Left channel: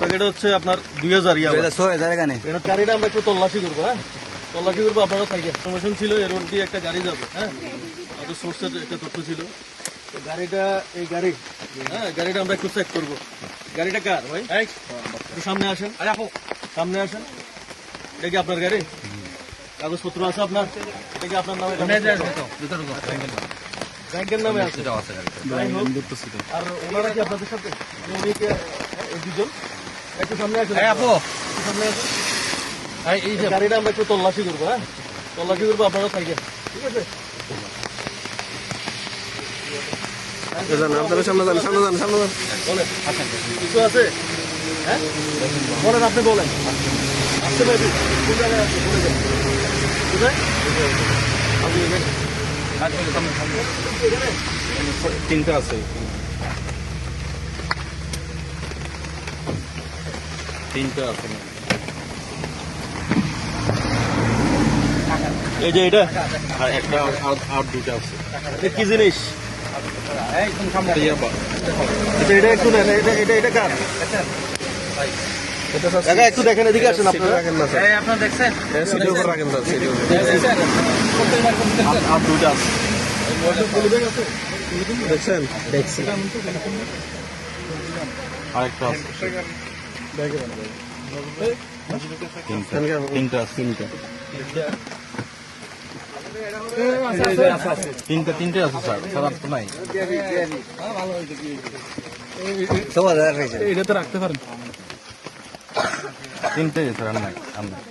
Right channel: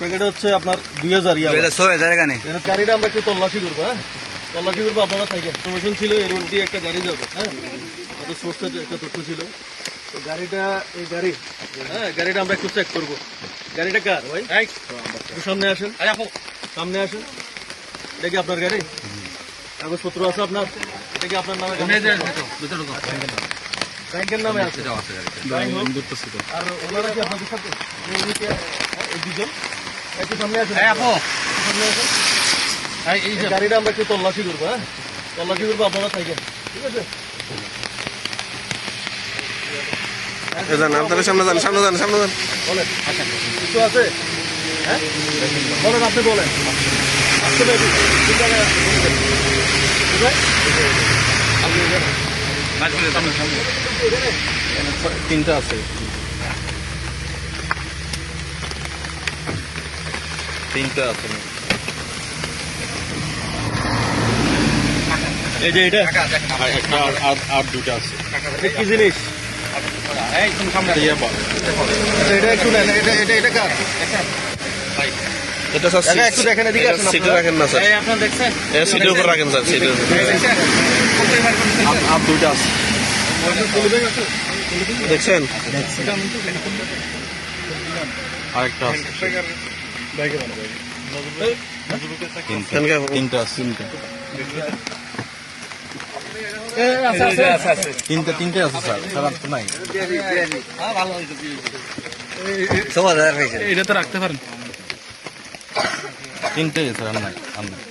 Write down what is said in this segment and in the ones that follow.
Packet হচ্ছে আপনার 2000 গাড়িটা আমরা একটু তল্লাশি করবো। হ্যাঁ, তল্লাশি করবো। আপনারা থাকেন, ইনফরমেশন ছিল এর মধ্যে একটা গাড়ি যাবে। হ্যাঁ, আমাদের সোর্সে একটা তথ্য ছিল। তো গাড়িটা এই গাড়ি, হ্যাঁ, গাড়িটা আমরা একটু চেক করবো। গাড়িটা কার ভাই? একটু সামনে আসেন, সামনে আসেন। এটা কি আপনার গাড়ি? কাগজপত্র আছে আপনার? এটা কি আপনার নামে? ব্যাংকের নামে আছে। আর ওনারা কি আপনাদের সাথে? একটু সামনে আসেন, সামনে আসেন। এই গাড়িটা আমরা একটু তল্লাশি করবো। হ্যাঁ, তল্লাশি করবো। আপনারা থাকেন, ঠিক আছে? আপনাদের সামনে যান, সামনে যান, সামনে যান। বলেন, কিছু আছে? হ্যাঁ, বলেন, আপনি বলেন। আসতে পারি? কোন জায়গায় আছে? বলে দেন। কোথায়? তিনটা আছে, তিনটা আছে। এই যে এটা আর দুইটা আছে। কি জিনিস? এটা একটু এটা কার? এটা স্যার একটু দেখেন, এদিকে আসুন। সিটে রাখেন না স্যার, আপনারা দেখছেন? সিটের উপর রাখেন স্যার, সিটের উপর। আর দুইটা আছে, দেখছেন? আরেকটা আছে, তিনটা আছে, তিনটে আছে স্যার, খারাপ তো নাই। এটা তো রাখতে পারেন। তিনটে স্যার, আর নাই, আর নাই।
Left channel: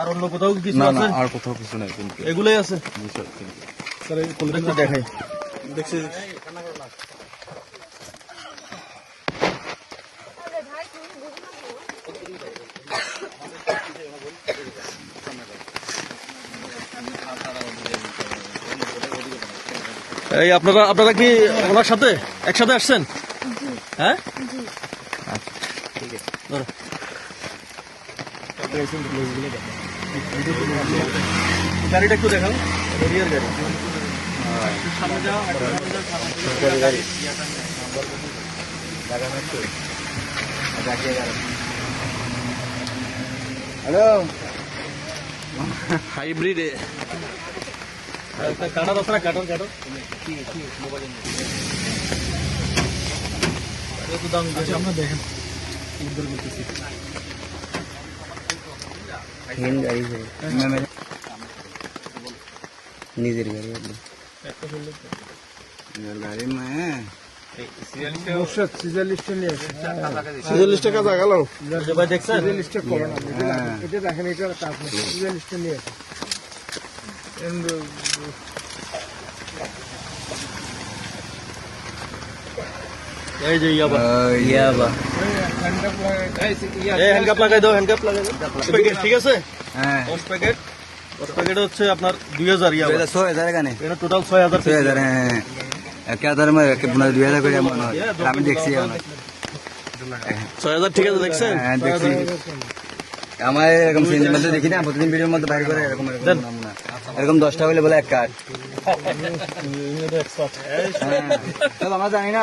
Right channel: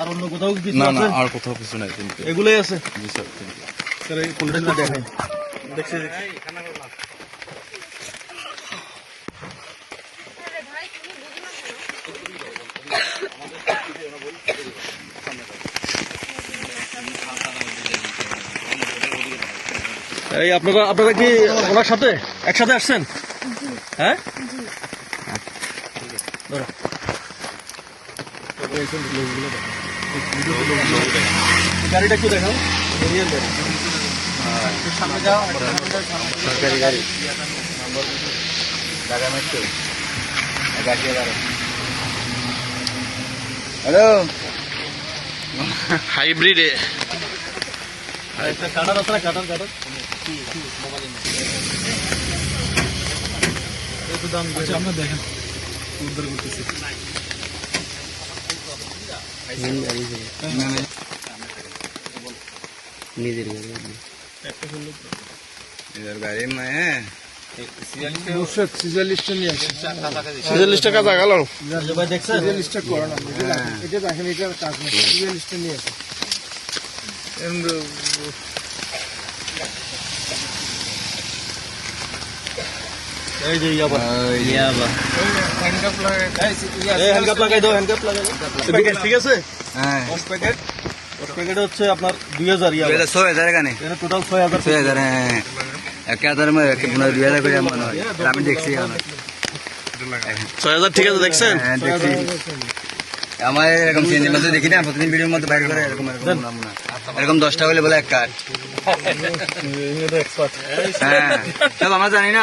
আর অন্য কোথাও কিছু না না, আছে? আর কোথাও কিছু নাই, তিনটে। এগুলোই আছে জি স্যার, তিনটে। স্যার। এই কোনটা একটু দেখাই। দেখছি। এই আপনারা কি ওনার সাথে একসাথে আসছেন? হ্যাঁ, গাড়িটা একটু দেখাও। সরকারি গাড়ি। হ্যালো, হাইব্রিড কাটার আছে না? কাটার একটু দাম আমরা দেখেন, উদ্ধার করতেছি। নিজের গাড়ি সিজনলিস্টে কাজ গেল। সিজনলিস্টে করো না, এটা দেখেন, এটা কাজ না। সিজনলিস্টে নিয়ে আসে। এই যে ইয়াবা হ্যান্ডকাপ লাগাই দাও, হ্যান্ডকাপ লাগাই দাও। ঠিক আছে? হ্যাঁ, 10 প্যাকেট হচ্ছে আপনার 2000 ইয়াবা। 6000 গানে, এটা টোটাল 6000। 6000। হ্যাঁ, 1000 মে 2000 করে আমি দেখছি। 6000 ঠিক আছে, দেখছেন? হ্যাঁ, দেখছি। আমার এরকম সিনের মধ্যে দেখি না, প্রতিদিন ভিডিওর মধ্যে বাইর করে এরকম এরকম 10টা হলে বলে এক কাজ। হ্যাঁ, সব আমরা জানি না।